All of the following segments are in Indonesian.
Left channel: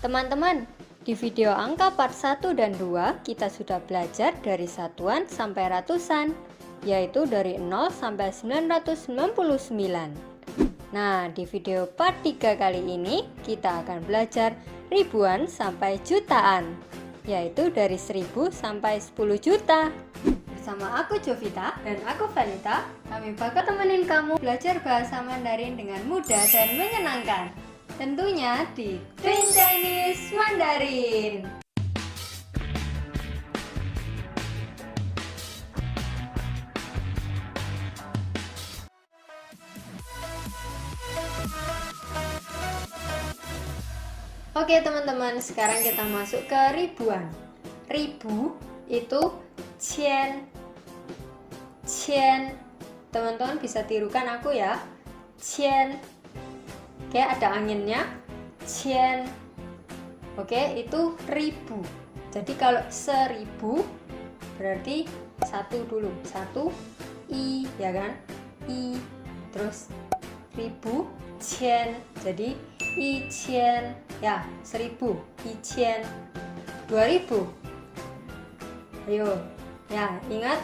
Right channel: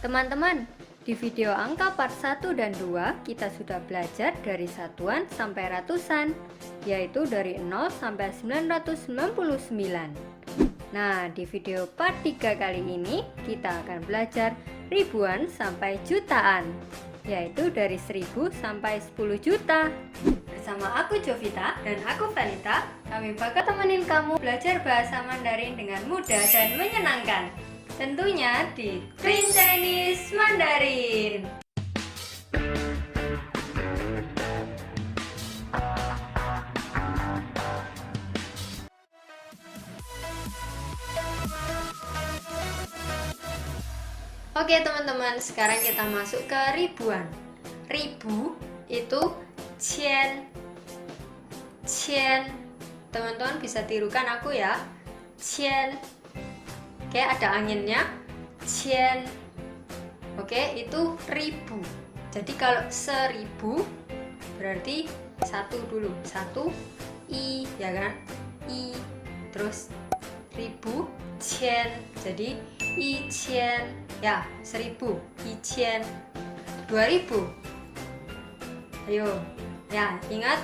Teman-teman, di video angka part 1 dan 2 kita sudah belajar dari satuan sampai ratusan, yaitu dari 0 sampai 999. Nah, di video part 3 kali ini kita akan belajar ribuan sampai jutaan, yaitu dari 1000 sampai 10 juta. Bersama aku Jovita dan aku Vanita, kami bakal temenin kamu belajar bahasa Mandarin dengan mudah dan menyenangkan. Tentunya di Twin Chinese Mandarin. Oke teman-teman, sekarang kita masuk ke ribuan. Ribu itu qian. Qian. Teman-teman bisa tirukan aku ya. Qian. Oke, ada anginnya. Qian. Oke, itu ribu. Jadi kalau 1000 berarti satu dulu. Satu i, ya kan? I. Terus ribu, qian. Jadi i qian. Ya, 1000. I qian. 2000. Ayo. Ya, ingat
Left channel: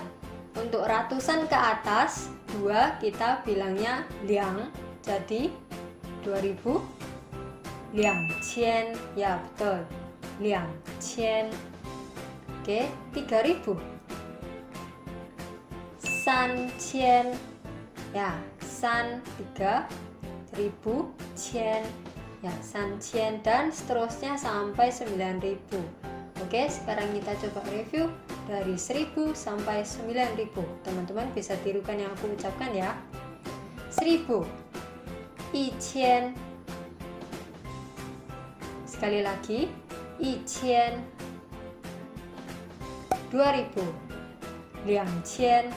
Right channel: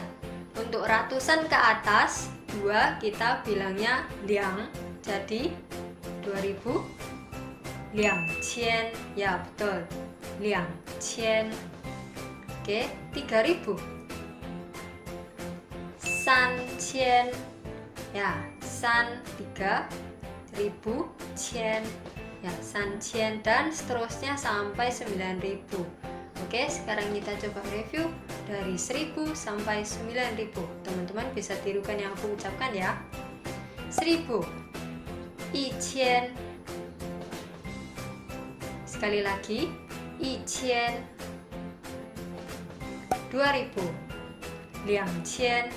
untuk ratusan ke atas 2 kita bilangnya liang. Jadi 2000 liang qian. Ya betul, liang qian. Oke, 3000 san qian. Ya, san 3000 qian. Ya, san qian dan seterusnya sampai 9000. Oke, sekarang kita coba review dari 1000 sampai 9000. Teman-teman bisa tirukan yang aku ucapkan ya. 1000 i qian. Sekali lagi, i qian. 2000 liang qian.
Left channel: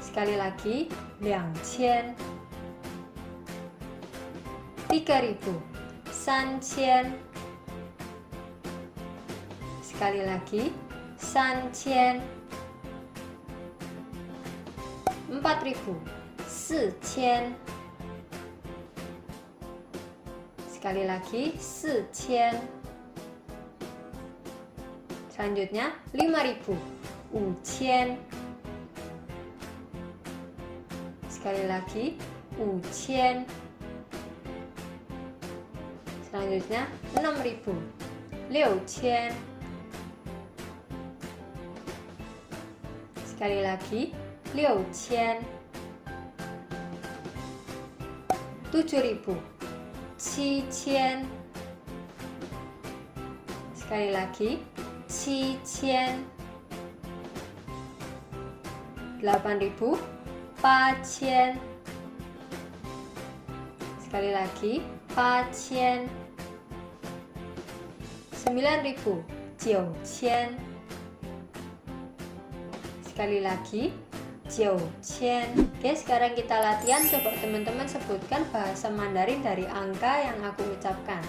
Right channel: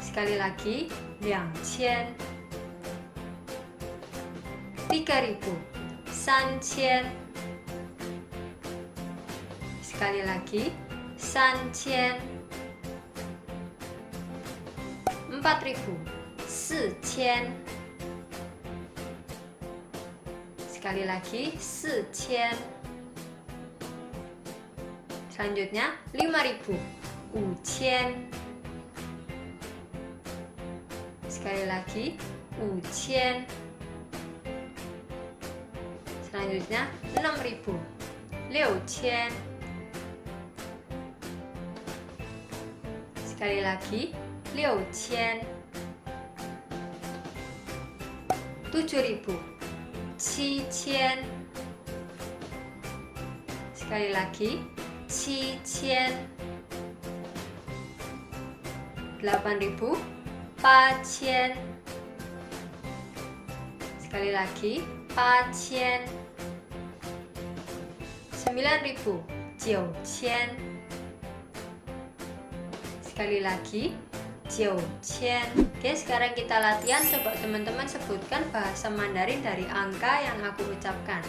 Sekali lagi, liang qian. 3000 san qian. Sekali lagi, san qian. 4000 si qian. Sekali lagi, si qian. Selanjutnya 5000 wu qian. Sekali lagi, wu qian. Selanjutnya 6000 liu qian. Sekali lagi, liu qian. 7000 qi qian. Sekali lagi, qi qian. 8000 pa qian. Sekali lagi, pa qian. 9000 jiu qian. Sekali lagi, jiu qian. Oke, sekarang kita latihan. Coba teman-teman sebutkan bahasa Mandarin dari angka yang aku ucapkan.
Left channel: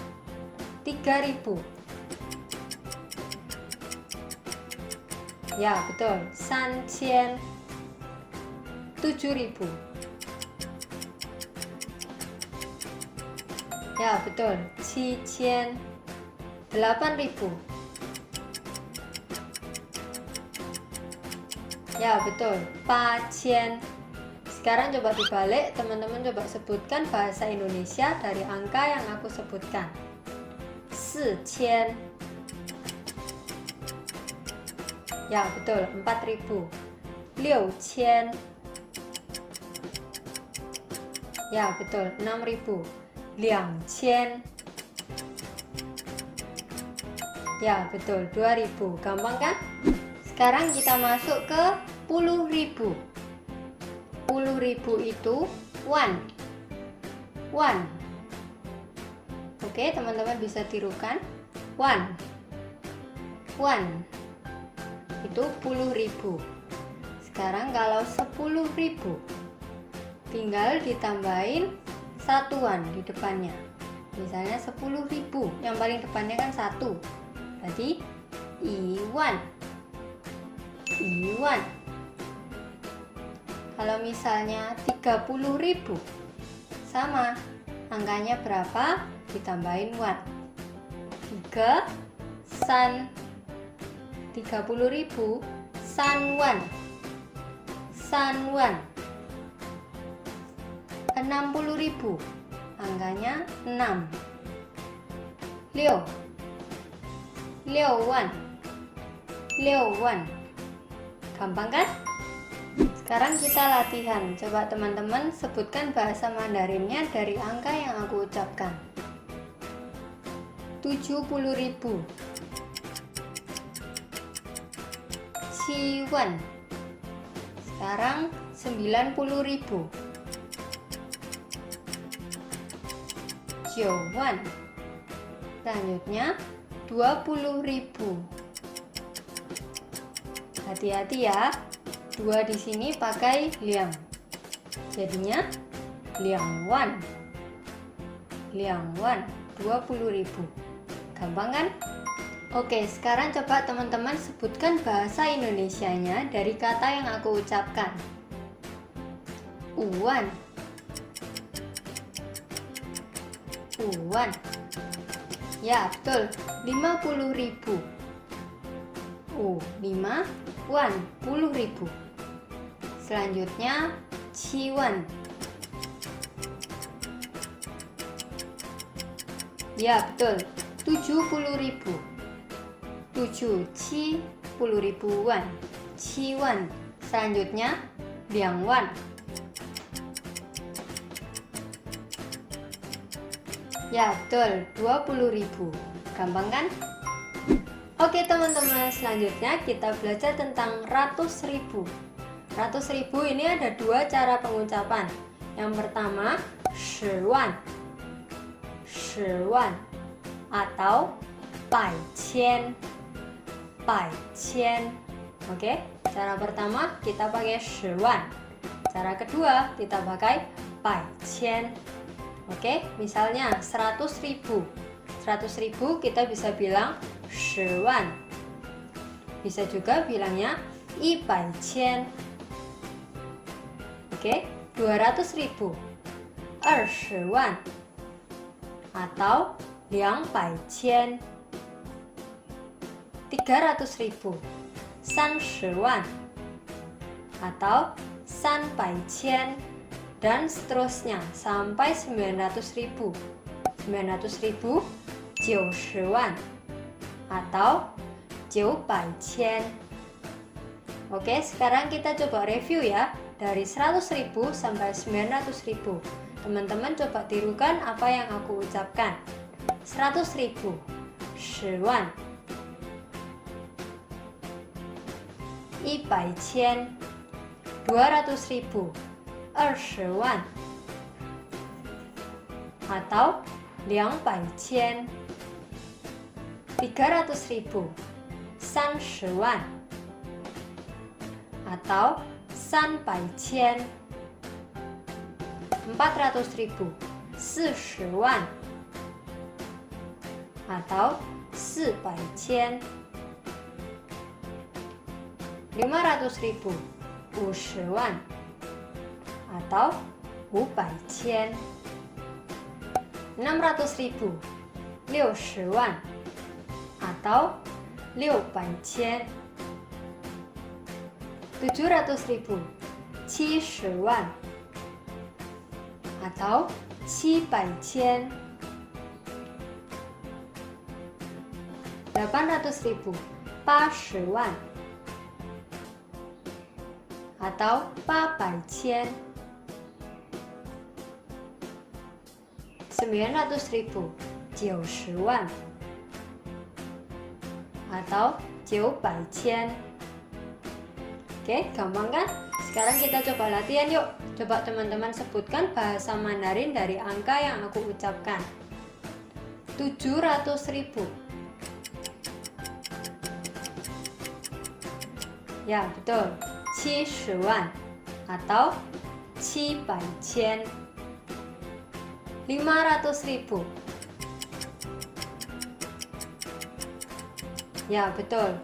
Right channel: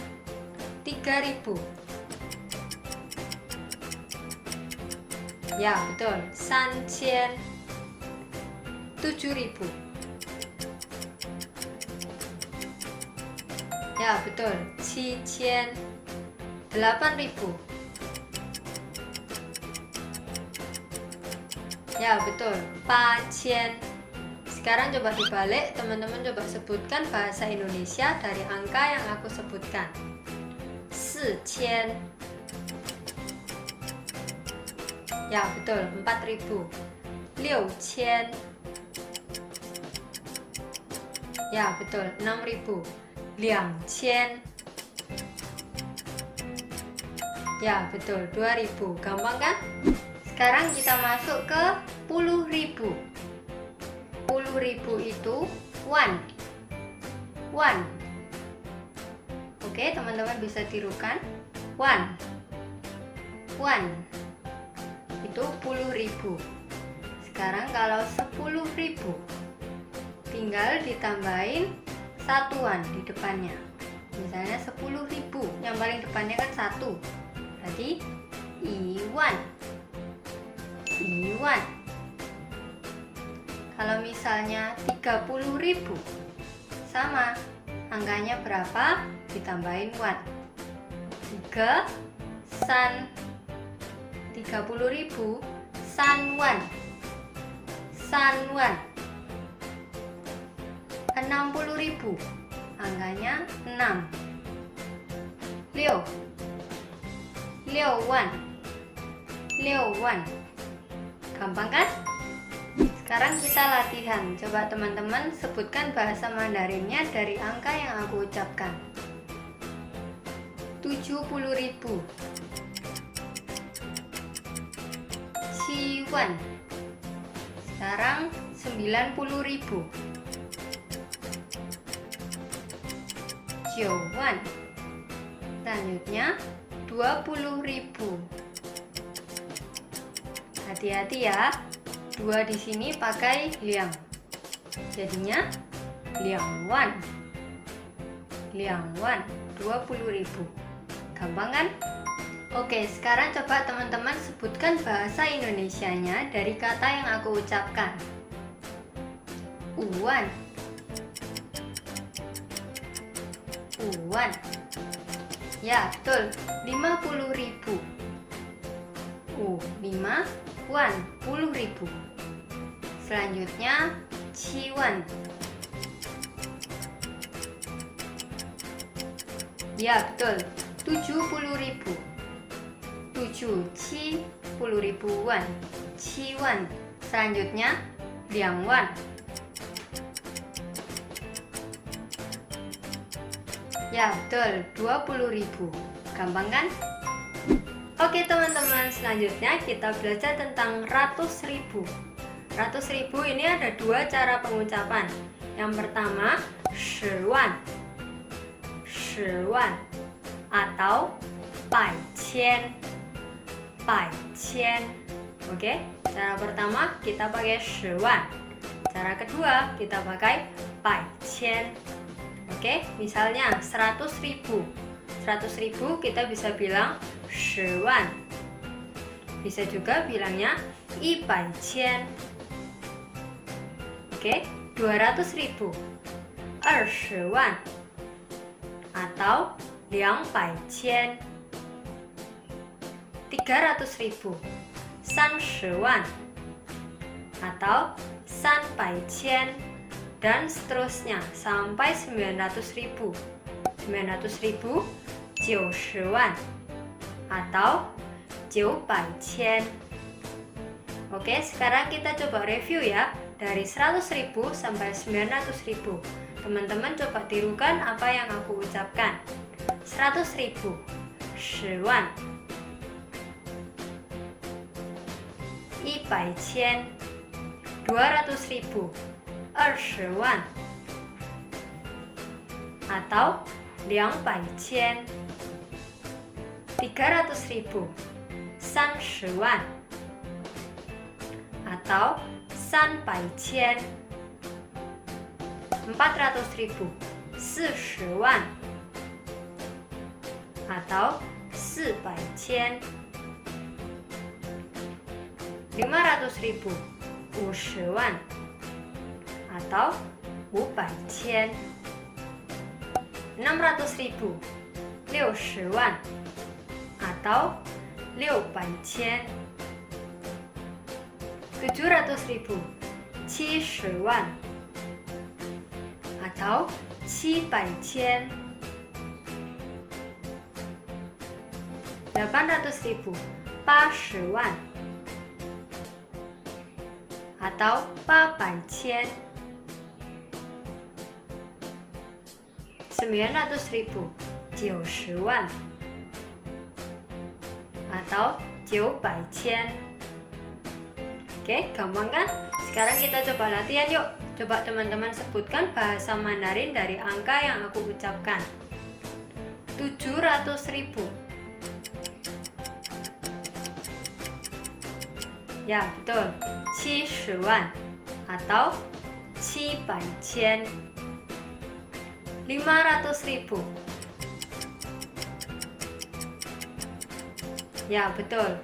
3000. Ya, betul. San qian. 7000. Ya, betul. Qi qian. 8000. Ya, betul. Pa qian. Sekarang coba dibalik, teman-teman coba sebutkan bahasa Indonesia dari angka yang aku sebutkan. 4000. Ya, betul. 4000. 6000. Ya, betul. 6000. 2000. Ya, betul. 2000. Gampang kan? Sekarang kita masuk ke 10.000. 10.000 itu one. One. Oke, teman-teman bisa tirukan. One. One. Itu 10.000. Sekarang kalau 10.000 tinggal ditambahin satuan di depannya. Misalnya 10.000, yang paling depannya kan 1. Berarti iwan. Iwan. Kalau misalnya 30.000, sama, angkanya berapa? ditambahin 1. 3 san 30.000 sanwan. 60.000 angkanya 6. 6 6 gampang kan? Sekarang kita latihan. Coba teman-teman sebutkan bahasa Mandarinnya dari angka yang aku ucapkan. 70.000 Ciwan. Sekarang 90.000 Jowan. Selanjutnya 20.000. Hati-hati ya, 2 di sini pakai liang. Jadinya liangwan. 20.000. Gampang kan? Oke, sekarang coba teman-teman sebutkan bahasa Indonesianya dari kata yang aku ucapkan. Uwan. Ya, betul. 50.000. 5 wan, 10.000. Selanjutnya ciwan. Ya, betul. 70.000. 7 10.000 wan. Ciwan. Selanjutnya liangwan. Ya, betul. 20.000. Gampang kan? Oke teman-teman, selanjutnya kita belajar tentang ratus ribu. Ratus ribu ini ada 2 cara pengucapan. Yang pertama, 10,000,000 atau 百千. Oke, cara pertama kita pakai 10,000,000. Cara kedua kita pakai 百千. Oke, misalnya 100.000. 100.000 kita bisa bilang 10,000,000. Bisa juga bilangnya 100,000. Oke, 200.000 20,000,000 atau 200,000. 300.000 30,000,000 atau 300,000 dan seterusnya sampai 900.000. 900.000 90,000,000 atau 900,000. Oke, sekarang kita coba review ya. Dari 100.000 sampai 900.000. Teman-teman coba tirukan apa yang aku ucapkan. 100.000 10,000,000. 100,000 200.000 20,000,000 atau 200,000. 300.000 30,000,000 atau 300,000. 400.000 40,000,000 atau 400,000. 500.000 50,000,000 atau 500,000. 600.000 60,000,000 atau 600,000. 700.000 70,000,000 atau 700,000. 800.000 80,000,000 atau 800,000. 900.000 90,000,000 atau 900,000. Oke, gampang kan? Sekarang kita coba latihan yuk. Coba teman-teman sebutkan bahasa Mandarin dari angka yang aku ucapkan. 700.000. Ya, betul. 70,000,000 atau 700,000. 500.000. Ya, betul.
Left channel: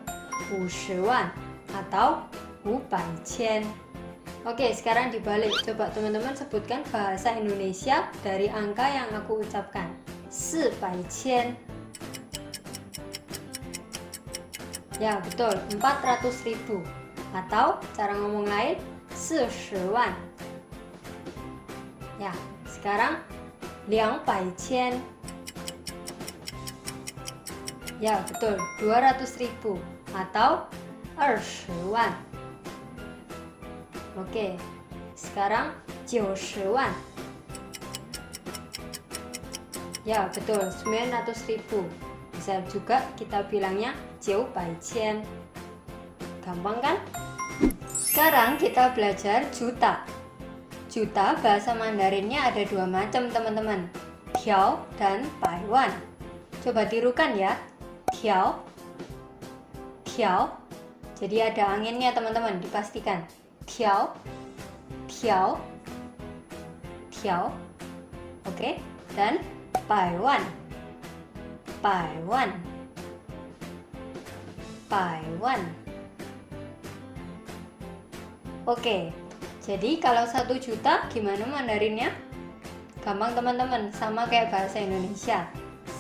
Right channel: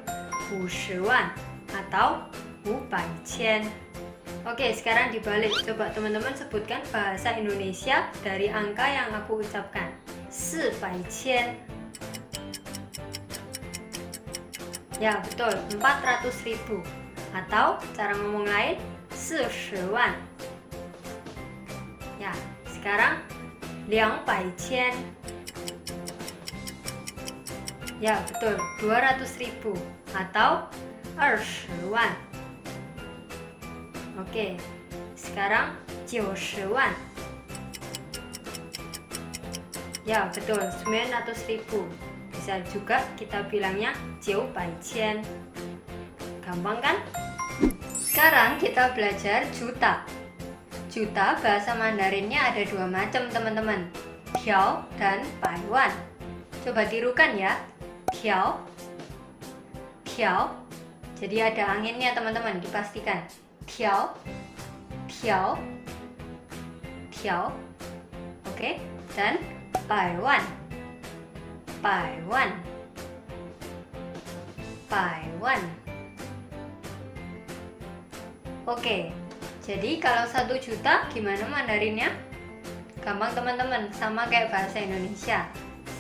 50,000,000 atau 500,000. Oke, sekarang dibalik. Coba teman-teman sebutkan bahasa Indonesia dari angka yang aku ucapkan. 400,000. Ya, betul, 400.000. Atau cara ngomong lain, 40,000. Ya, sekarang 200,000. Ya, betul, 200.000 atau 20,000. Oke, sekarang 90,000. Ya, betul, 900.000. Bisa juga kita bilangnya 900,000. Gampang kan? Sekarang kita belajar juta. Juta bahasa Mandarinnya ada dua macam, teman-teman. Tiao dan baiwan. Coba tirukan ya. Tiao, tiao. Jadi ada anginnya, teman-teman, dipastikan. Tiao, tiao, tiao. Oke, dan baiwan, baiwan, baiwan. Oke, jadi kalau 1 juta gimana Mandarinnya? Gampang, teman-teman, sama kayak bahasa Indonesia.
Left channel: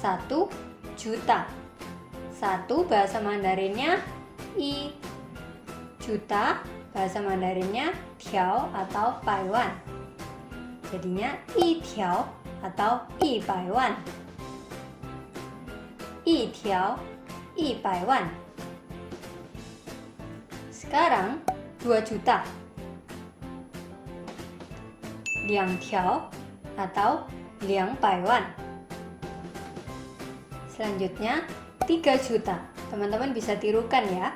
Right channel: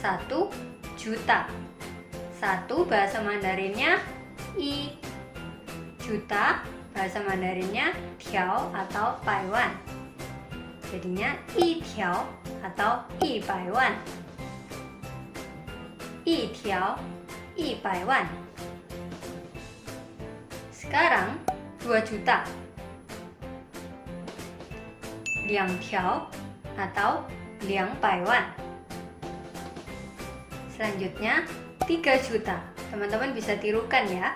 1 juta. 1 bahasa Mandarinnya i. Juta bahasa Mandarinnya tiao atau baiwan. Jadinya i tiao atau i baiwan. I tiao, i baiwan. Sekarang 2 juta. 2 tiao atau 2 baiwan. Selanjutnya 3 juta. Teman-teman bisa tirukan ya.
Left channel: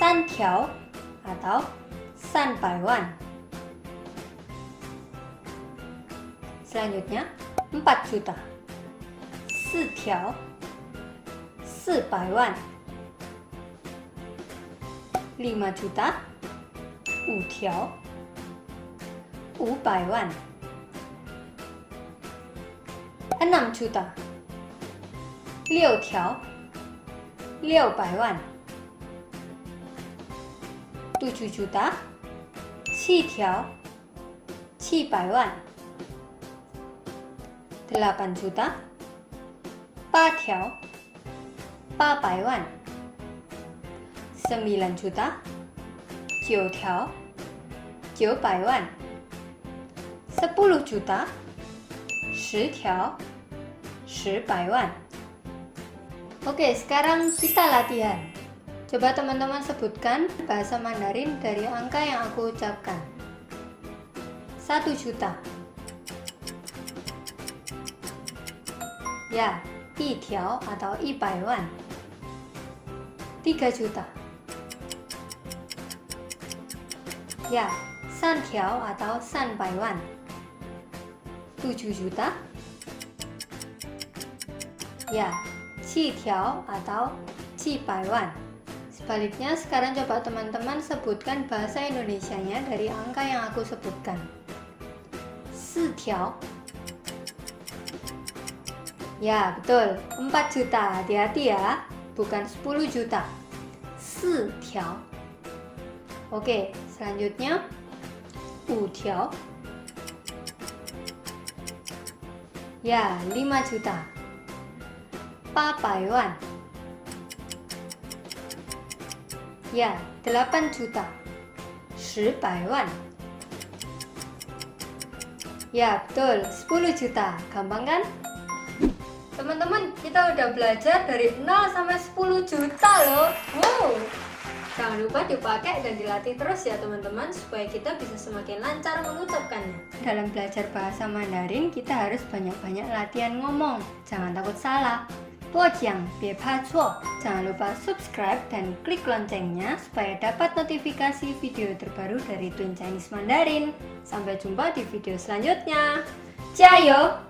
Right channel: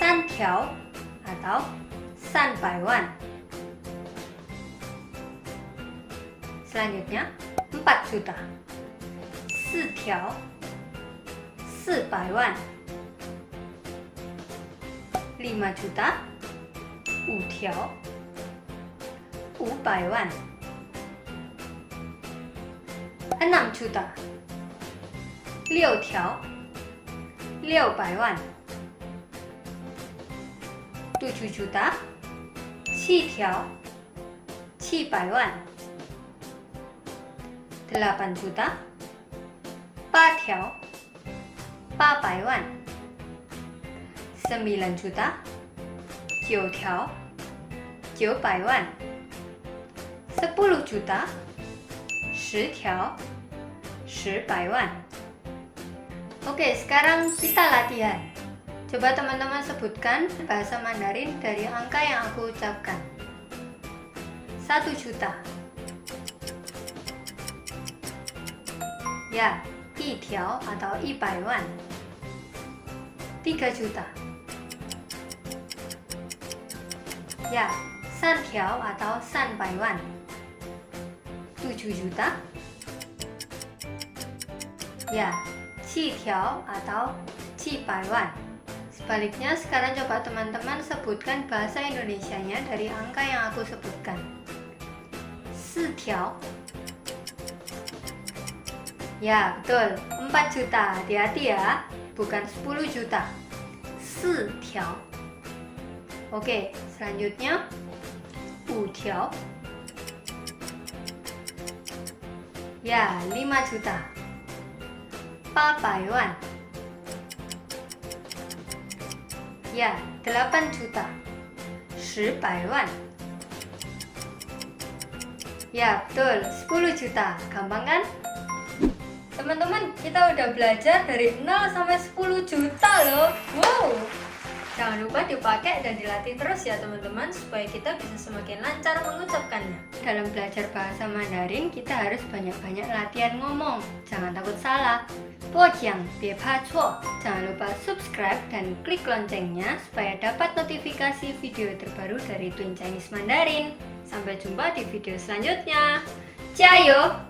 3 tiao atau 3 baiwan. Selanjutnya 4 juta. 4 tiao, 4 baiwan. 5 juta. 5 tiao, 5 baiwan. 6 juta. 6 tiao, 6 baiwan. 7 juta. 7 tiao, 7 baiwan. 8 juta. 8 tiao, 8 baiwan. 9 juta. 9 tiao, 9 baiwan. 10 juta. 10 tiao, 10 baiwan. Oke, sekarang kita latihan. Coba teman-teman sebutkan bahasa Mandarin dari angka yang aku ucapkan. 1 juta. Ya, 1 tiao atau 1 baiwan. 3 juta. Ya, 3 tiao atau 3 baiwan. 7 juta. Ya, 7 tiao atau 7 baiwan. Sebaliknya, sekarang coba teman-teman sebutkan bahasa Indonesianya dari angka yang aku sebutkan. 4 tiao. Ya, betul, 4 juta. Hati-hati ya, bukan 10 juta. 4 tiao. Oke, selanjutnya 5 tiao. Ya, 5 juta. 8 baiwan. Ya, 8 juta. 10 baiwan. Ya, betul, 10 juta. Gampang kan? Teman-teman, kita udah belajar dari 0 sampai 10 juta loh. Wow! Jangan lupa dipakai dan dilatih terus ya teman-teman, supaya kita bisa semakin lancar mengucapkannya. Dalam belajar bahasa Mandarin, kita harus banyak-banyak latihan ngomong. Jangan takut salah. 播讲别怕错. Jangan lupa subscribe dan klik loncengnya supaya dapat notifikasi video terbaru dari Twin Chinese Mandarin. Sampai jumpa di video selanjutnya. 加油!